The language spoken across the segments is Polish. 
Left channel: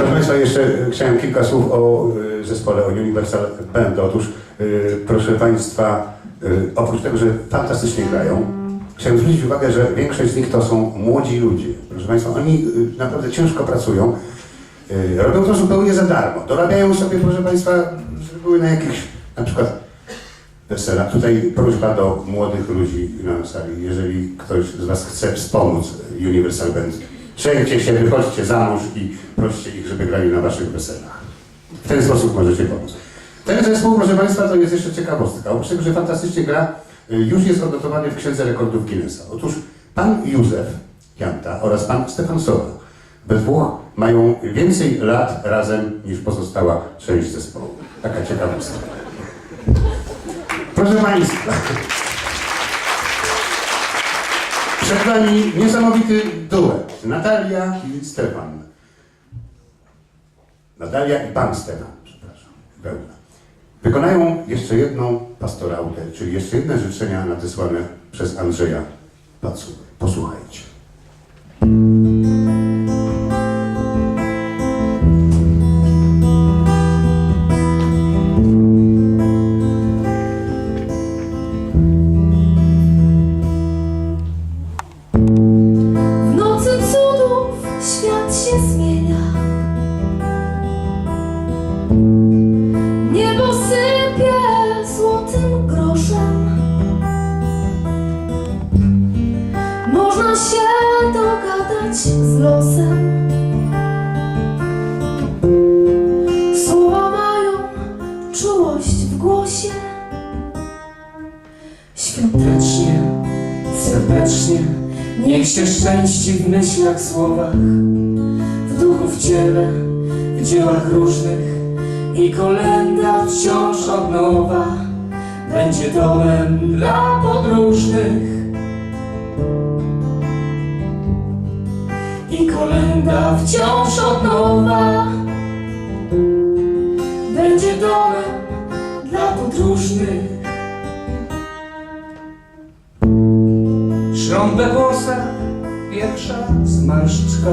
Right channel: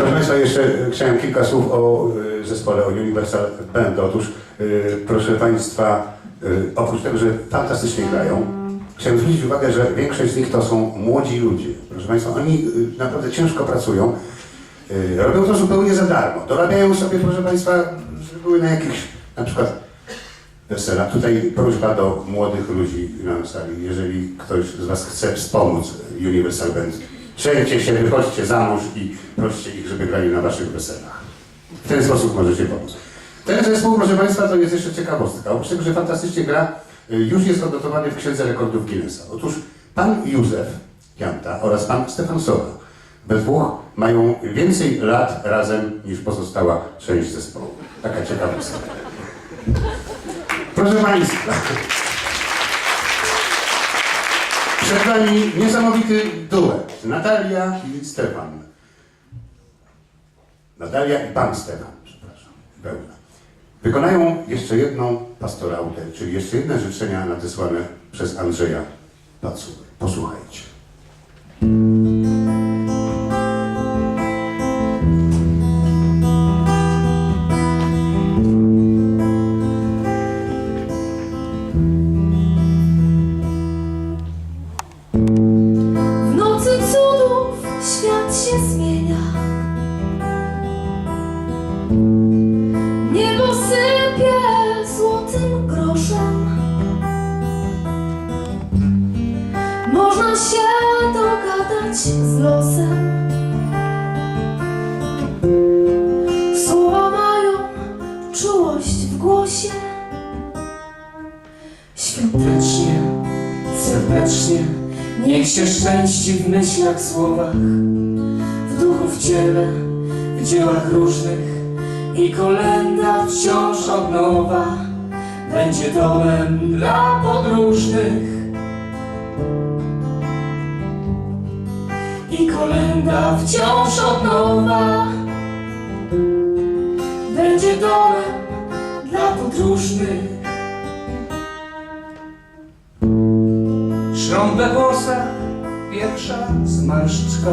Proszę Państwa, jeszcze chciałem kilka słów o e, zespole, o Universal Band. Otóż, e, proszę Państwa, e, oprócz tego, że fantastycznie grają, chciałem zwrócić uwagę, że większość z nich to są młodzi ludzie. Proszę Państwa, oni naprawdę ciężko pracują. Robią to zupełnie za darmo. Dorabiają sobie, proszę Państwa, żeby były na jakichś, na przykład weselach. Tutaj prośba do młodych ludzi na sali, jeżeli ktoś z Was chce wspomóc Universal Band, przejdźcie się, wychodźcie za mąż i proście ich, żeby grali na Waszych weselach. W ten sposób możecie pomóc. Ten zespół, proszę Państwa, to jest jeszcze ciekawostka. Oprócz tego, że fantastycznie gra, y, już jest odnotowany w Księdze Rekordów Guinnessa. Otóż pan Józef Janta oraz pan Stefan Sowa we dwóch mają więcej lat razem niż pozostała część zespołu. Taka ciekawostka. Proszę Państwa, przed Wami niesamowity duet. Natalia i Stefan. Natalia i Pan Stefan, przepraszam, Wełna. Wykonają jeszcze jedną pastorautę, czyli jeszcze jedne życzenia nadesłane przez Andrzeja Pacury. Posłuchajcie. Można się dogadać z losem. Słowa mają czułość w głosie. Świątecznie, serdecznie, niech się szczęści w myślach, słowach, w duchu, w ciele, w dziełach różnych i kolenda wciąż od nowa będzie domem dla podróżnych. Kolenda wciąż od nowa. Będzie domem dla podróżnych. Szrąb we włosach, pierwsza zmarszczka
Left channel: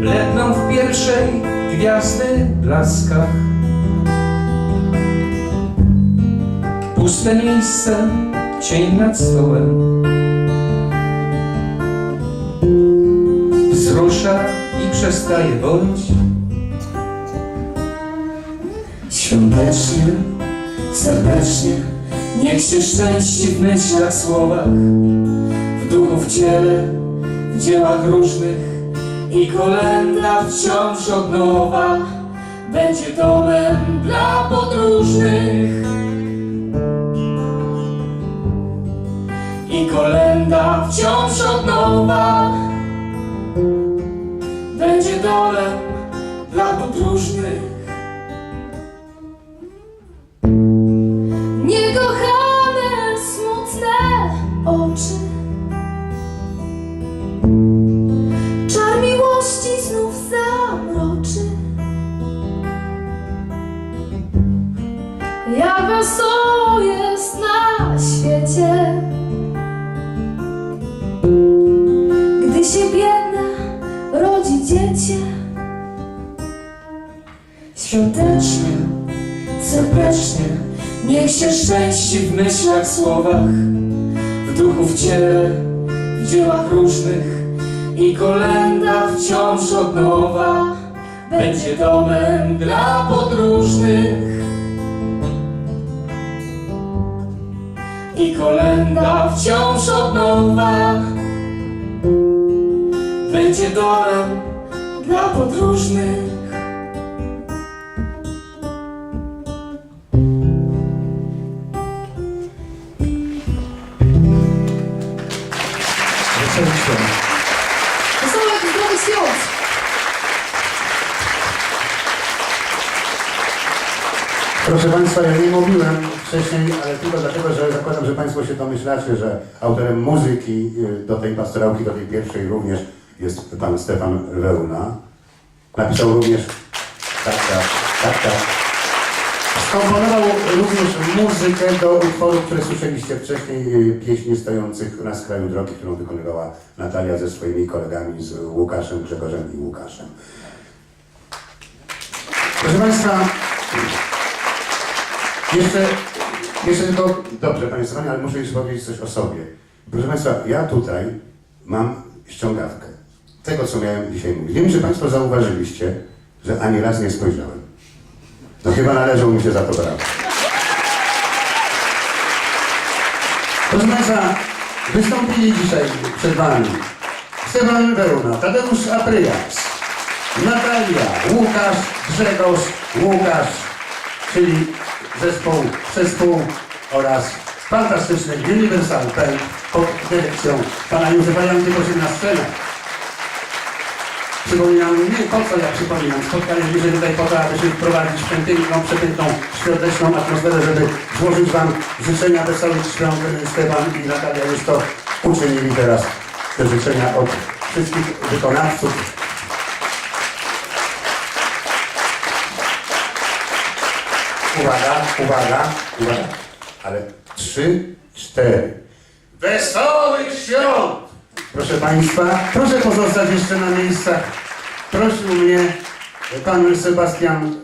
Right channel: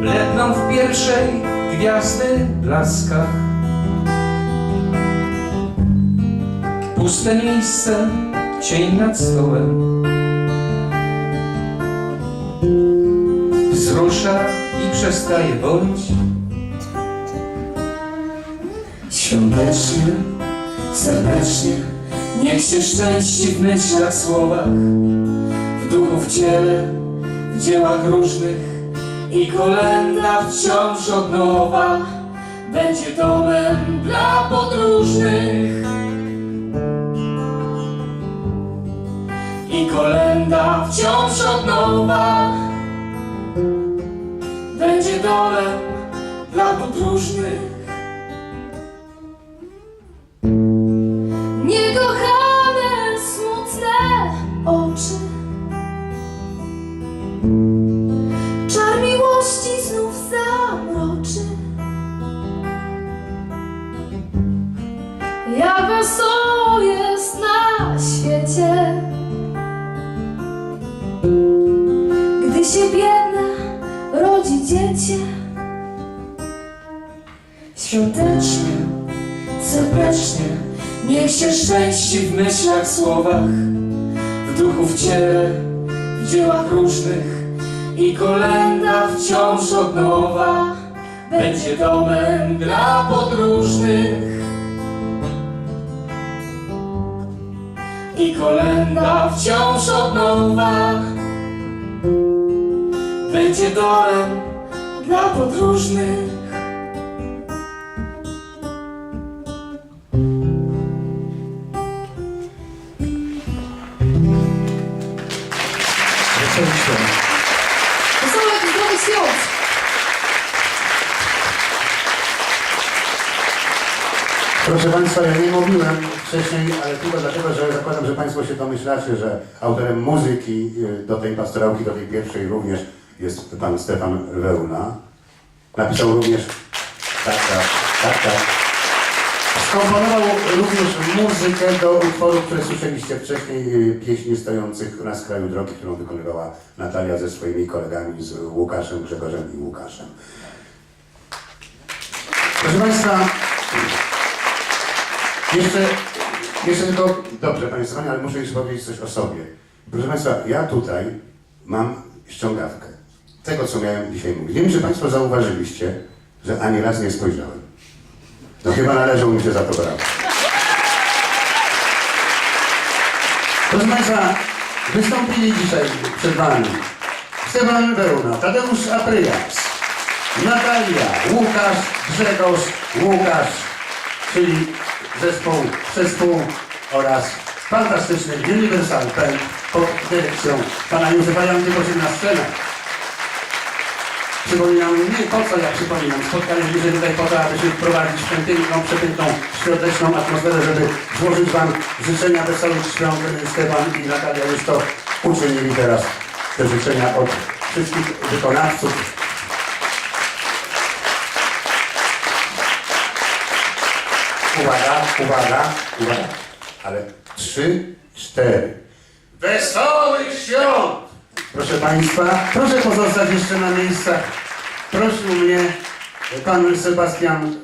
Bledną w pierwszej gwiazdy blaskach. Puste miejsce, cień nad stołem Wzrusza i przestaje bolić. Świątecznie, serdecznie Niech się szczęści w myślach, słowach W duchu, w ciele, w dziełach różnych I kolenda wciąż od nowa Będzie domem dla podróżnych. I kolenda wciąż od nowa Domem dla podróżnych Świątecznie, serdecznie Niech się szczęści w myślach, słowach W duchu, w ciele, w dziełach różnych I kolenda wciąż od nowa Będzie domem dla podróżnych. I kolenda wciąż od nowa Będzie domem dla podróżnych wcześniej, ale tylko dlatego, że zakładam, że Państwo się domyślacie, że autorem muzyki y, do tej pastorałki, do tej pierwszej również jest pan Stefan Wełna. Napisał również, tak, tak, tak, tak, Skomponował również muzykę do utworów, które słyszeliście wcześniej, y, pieśni stojących na skraju drogi, którą wykonywała Natalia ze swoimi kolegami, z Łukaszem, Grzegorzem i Łukaszem. Proszę Państwa, jeszcze, jeszcze tylko, dobrze Panie Stefanie, ale muszę jeszcze powiedzieć coś o sobie. Proszę Państwa, ja tutaj mam ściągawkę tego, co miałem dzisiaj mówić. Nie wiem, czy Państwo zauważyliście, że ani raz nie spojrzałem. No chyba należą mi się za to brawo. Proszę Państwa, wystąpili dzisiaj przed Wami Stefan Wełna, Tadeusz Apryjas, Natalia, Łukasz, Grzegorz, Łukasz, czyli zespół, zespół oraz fantastyczny Universal Band pod dyrekcją pana Józefa Janty poszedł na scenę. Przypominam, nie po co ja przypominam, spotkanie bliżej tutaj po to, aby się wprowadzić w tę piękną, przepiękną, świąteczną atmosferę, żeby złożyć Wam życzenia wesołych świąt. Stefan i Natalia już to uczynili teraz, te życzenia od wszystkich wykonawców. Uwaga, uwaga, uwaga. Ale trzy, cztery. Wesołych świąt! Proszę Państwa, proszę pozostać jeszcze na miejscach. Prosił mnie pan Sebastian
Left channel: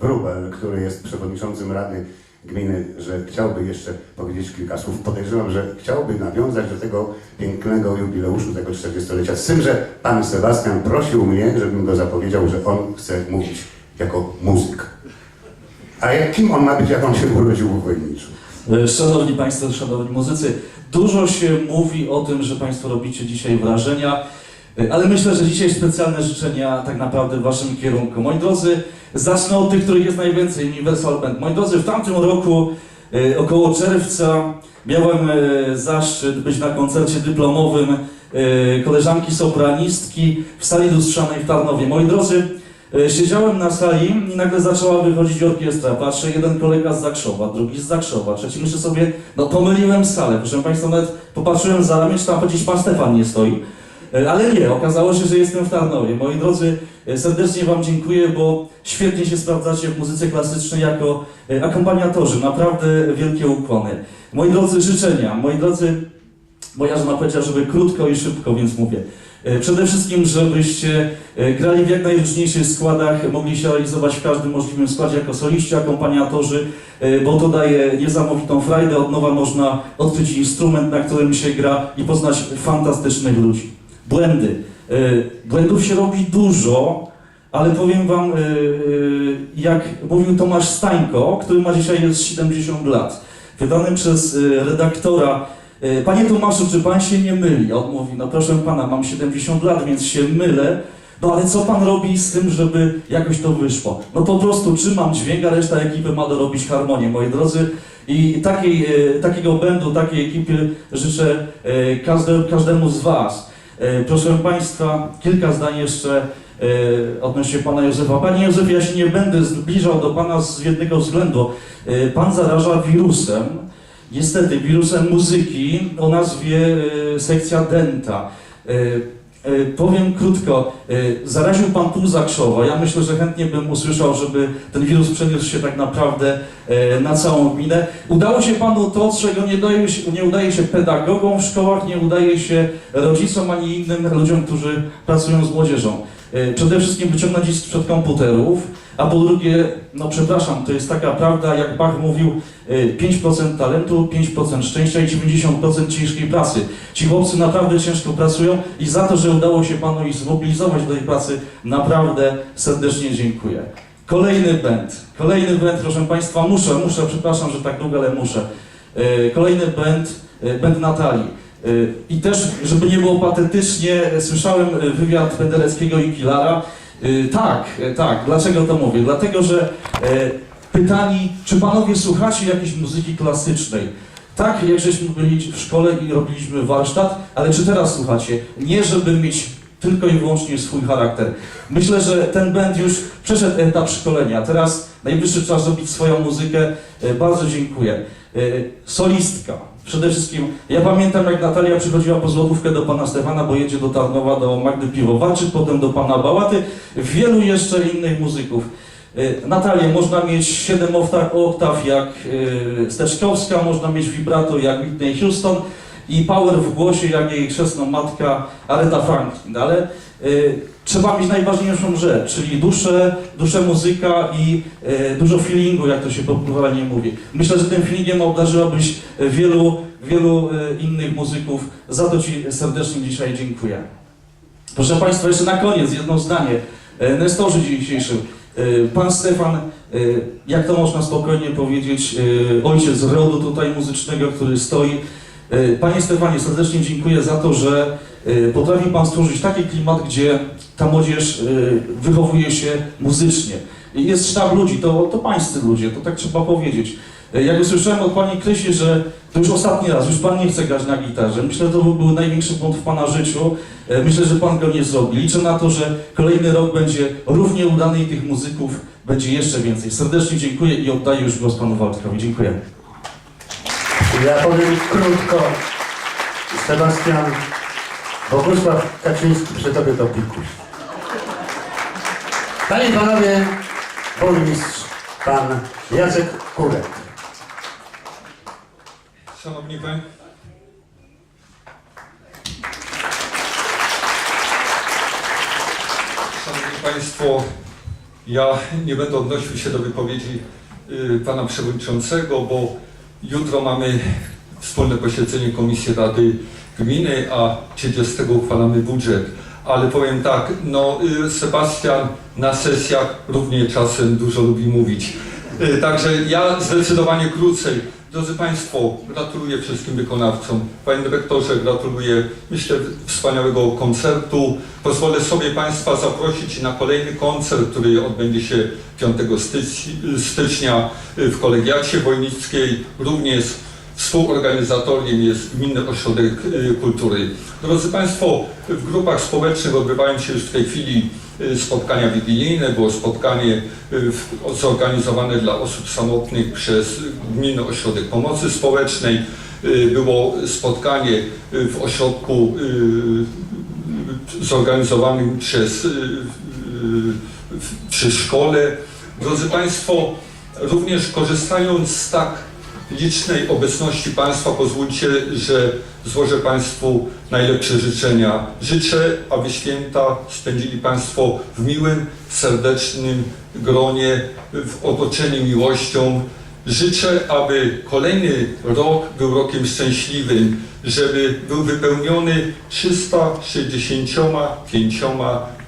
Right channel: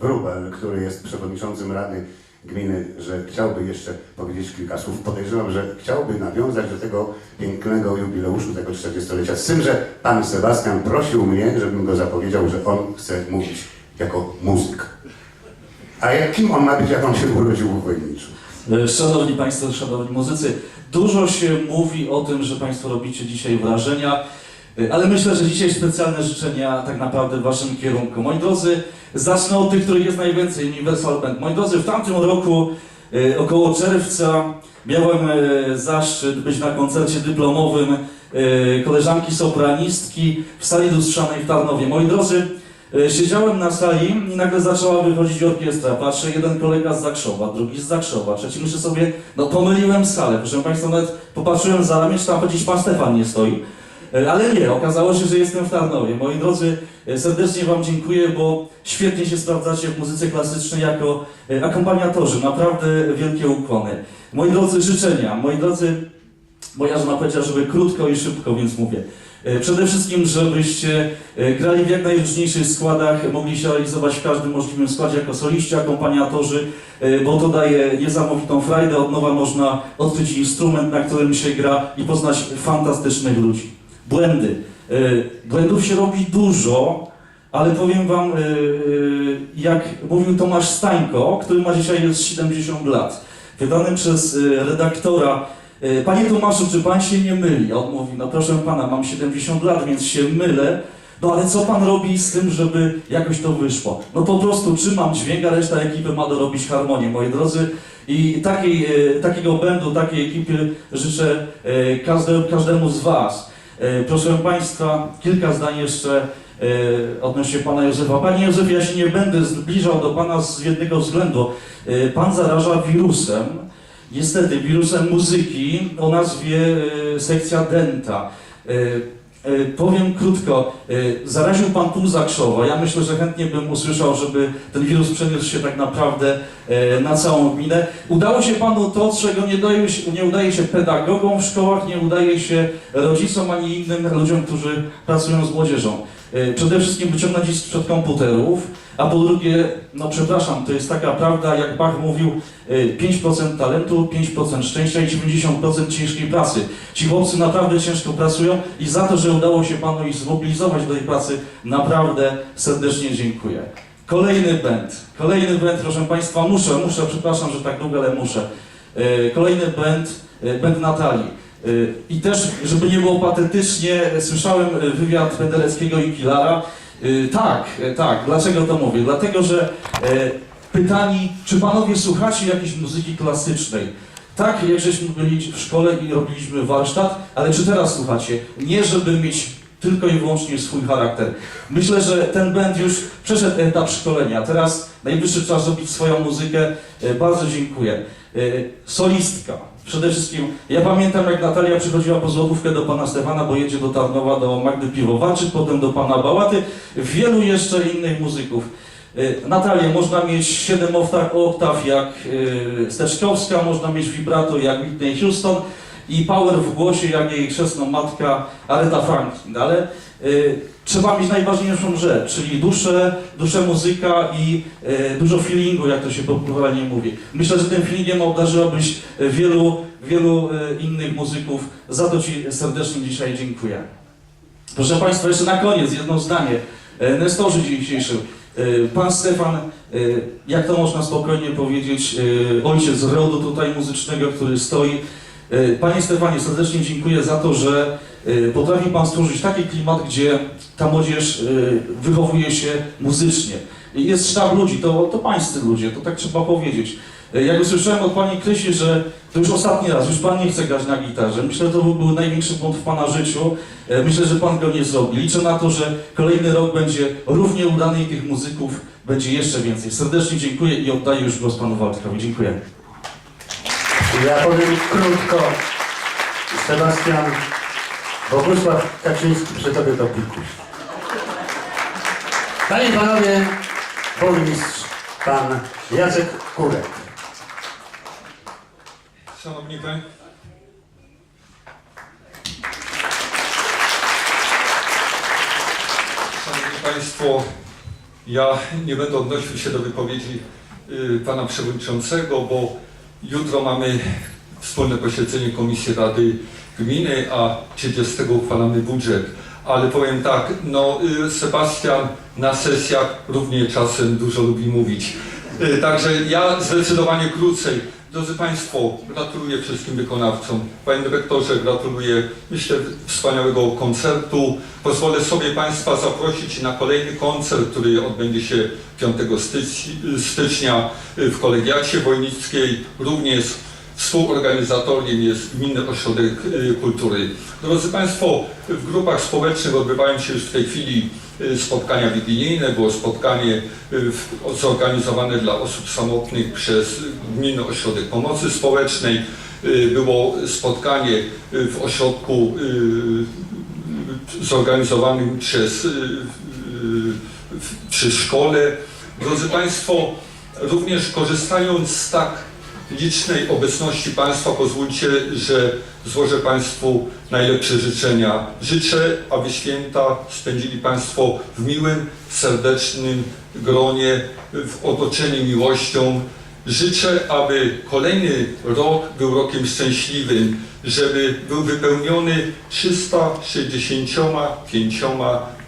Wrubel, który jest przewodniczącym Rady Gminy, że chciałby jeszcze powiedzieć kilka słów. Podejrzewam, że chciałby nawiązać do tego pięknego jubileuszu, tego 40-lecia. Z tym, że pan Sebastian prosił mnie, żebym go zapowiedział, że on chce mówić jako muzyk. A jak, kim on ma być, jak on się urodził w Wojniczu? E, Szanowni Państwo, szanowni muzycy, dużo się mówi o tym, że Państwo robicie dzisiaj wrażenia, e, ale myślę, że dzisiaj specjalne życzenia tak naprawdę w Waszym kierunku. Moi drodzy, zacznę od tych, których jest najwięcej, Universal Band. Moi drodzy, w tamtym roku, e, około czerwca, miałem zaszczyt być na koncercie dyplomowym koleżanki sopranistki w sali lustrzanej w Tarnowie. Moi drodzy, Siedziałem na sali i nagle zaczęła wychodzić orkiestra. Patrzę, jeden kolega z Zakrzowa, drugi z Zakrzowa, trzeci myślę sobie, no pomyliłem salę. Proszę Państwa, nawet popatrzyłem za ramię, czy tam chodzić Pan Stefan nie stoi. E, Ale nie, okazało się, że jestem w Tarnowie. Moi drodzy, e, serdecznie Wam dziękuję, bo świetnie się sprawdzacie w muzyce klasycznej jako e, akompaniatorzy. Naprawdę wielkie ukłony. Moi drodzy, życzenia. Moi drodzy, moja żona powiedziała, żeby krótko i szybko, więc mówię. E, Przede wszystkim, żebyście e, grali w jak najróżniejszych składach, mogli się realizować w każdym możliwym składzie jako soliści, akompaniatorzy, e, bo to daje niesamowitą frajdę. Od nowa można odkryć instrument, na którym się gra i poznać fantastycznych ludzi. Błędy. Błędów się robi dużo, ale powiem Wam, jak mówił Tomasz Stańko, który ma dzisiaj już 70 lat, wydany przez redaktora Panie Tomaszu, czy pan się nie myli? On mówi, no proszę pana, mam 70 lat, więc się mylę. No ale co pan robi z tym, żeby jakoś to wyszło? No po prostu trzymam dźwięk, a reszta ekipy ma dorobić harmonię, moi drodzy. I takiej, e, takiego będu, takiej ekipy życzę e, każde, każdemu z was. E, Proszę państwa, kilka zdań jeszcze e, odnośnie pana Józefa. Panie Józefie, ja się nie będę zbliżał do pana z jednego względu. E, Pan zaraża wirusem, Niestety, wirusem muzyki o nazwie e, sekcja denta. E, e, powiem krótko, zaraził Pan pół Zakrzowa. Ja myślę, że chętnie bym usłyszał, żeby ten wirus przeniósł się tak naprawdę na całą gminę. Udało się Panu to, czego nie, daje się, nie udaje się pedagogom w szkołach, nie udaje się rodzicom ani innym ludziom, którzy pracują z młodzieżą. Przede wszystkim wyciągnąć ich sprzed komputerów, a po drugie, no przepraszam, to jest taka prawda, jak Bach mówił, y, 5% talentu, 5% szczęścia i 90% ciężkiej pracy. Ci chłopcy naprawdę ciężko pracują i za to, że udało się Panu ich zmobilizować do tej pracy, naprawdę serdecznie dziękuję. Kolejny band, kolejny band, proszę Państwa, muszę, muszę, przepraszam, że tak długo, ale muszę. Y, Kolejny band, y, band Natalii. Y, I też, żeby nie było patetycznie, słyszałem y, wywiad Pendereckiego i Kilara. Y, Tak, y, tak. Dlaczego to mówię? Dlatego, że e, pytani, czy panowie słuchacie jakiejś muzyki klasycznej? Tak, jak żeśmy byli w szkole i robiliśmy warsztat, ale czy teraz słuchacie? Nie, żeby mieć tylko i wyłącznie swój charakter. Myślę, że ten band już przeszedł etap szkolenia. Teraz najwyższy czas robić swoją muzykę. E, Bardzo dziękuję. E, Solistka. Przede wszystkim, ja pamiętam jak Natalia przychodziła po złotówkę do pana Stefana, bo jedzie do Tarnowa, do Magdy Piwowaczy, potem do pana Bałaty, wielu jeszcze innych muzyków. Y, Natalia, można mieć 7 oktaw, oktaw jak y, Steczkowska, można mieć vibrato jak Whitney Houston i power w głosie jak jej chrzestna matka Aretha Franklin, ale y, trzeba mieć najważniejszą rzecz, czyli duszę, duszę muzyka i y, dużo feelingu, jak to się popularnie mówi. Myślę, że tym feelingiem obdarzyłabyś y, wielu, wielu y, innych muzyków. Za to Ci serdecznie dzisiaj dziękuję. Proszę Państwa, jeszcze na koniec jedno zdanie. E, Nestorzy dzisiejszym. E, Pan Stefan, jak to można spokojnie powiedzieć, ojciec rodu tutaj muzycznego, który stoi. E, Panie Stefanie, serdecznie dziękuję za to, że e, potrafi Pan stworzyć taki klimat, gdzie ta młodzież e, wychowuje się muzycznie. Jest sztab ludzi, to, to pańscy ludzie, to tak trzeba powiedzieć. Jak usłyszałem od Pani Krysi, że to już ostatni raz, już Pan nie chce grać na gitarze. Myślę, że to był największy błąd w Pana życiu. Myślę, że Pan go nie zrobi. Liczę na to, że kolejny rok będzie równie udany i tych muzyków będzie jeszcze więcej. Serdecznie dziękuję i oddaję już głos Panu Waldkowi. Dziękuję. Ja powiem krótko. Sebastian Bogusław Kaczyński przy tobie to pikuś. Panie i panowie, burmistrz pan Jacek Kurek. Szanowni Państwo. Państwo, ja nie będę odnosił się do wypowiedzi y, Pana Przewodniczącego, bo jutro mamy wspólne posiedzenie Komisji Rady Gminy, a 30 uchwalamy budżet. Ale powiem tak, no y, Sebastian na sesjach równie czasem dużo lubi mówić. Y, Także ja zdecydowanie krócej. Drodzy Państwo, gratuluję wszystkim wykonawcom. Panie dyrektorze, gratuluję, myślę, wspaniałego koncertu. Pozwolę sobie Państwa zaprosić na kolejny koncert, który odbędzie się 5 stycz- stycznia w Kolegiacie Wojnickiej. Również współorganizatorem jest Gminny Ośrodek y, Kultury. Drodzy Państwo, w grupach społecznych odbywają się już w tej chwili y, spotkania wigilijne. Było spotkanie y, zorganizowane dla osób samotnych przez Gminny Ośrodek Pomocy Społecznej. Było spotkanie w ośrodku zorganizowanym przez przy szkole. Drodzy Państwo, również korzystając z tak licznej obecności Państwa pozwólcie, że złożę Państwu najlepsze życzenia. Życzę, aby święta spędzili Państwo w miłym, serdecznym gronie, w otoczeniu miłością. Życzę, aby kolejny rok był rokiem szczęśliwym, żeby był wypełniony 365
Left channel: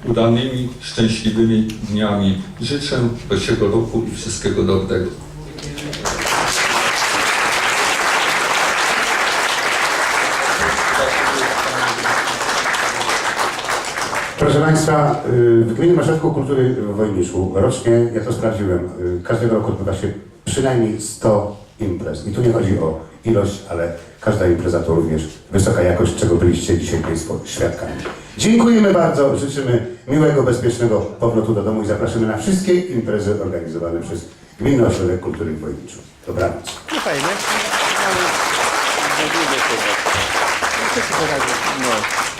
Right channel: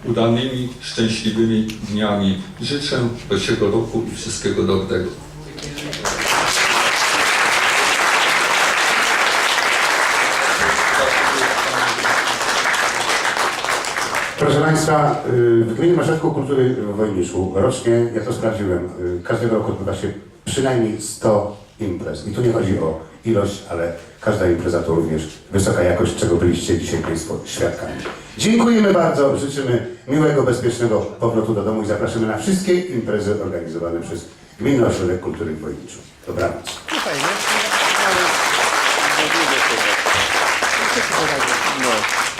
udanymi, szczęśliwymi dniami. Życzę dobrego roku i wszystkiego dobrego. Państwa, y, w Gminnym Ośrodku Kultury w Wojniszu rocznie, ja to sprawdziłem, y, każdego roku odbywa się przynajmniej 100 imprez. I tu nie chodzi o ilość, ale każda impreza to również wysoka jakość, czego byliście dzisiaj Państwo świadkami. Dziękujemy bardzo, życzymy miłego, bezpiecznego powrotu do domu i zapraszamy na wszystkie imprezy organizowane przez Gminny Ośrodek Kultury w Wojniczu. Dobranoc. No fajnie. No.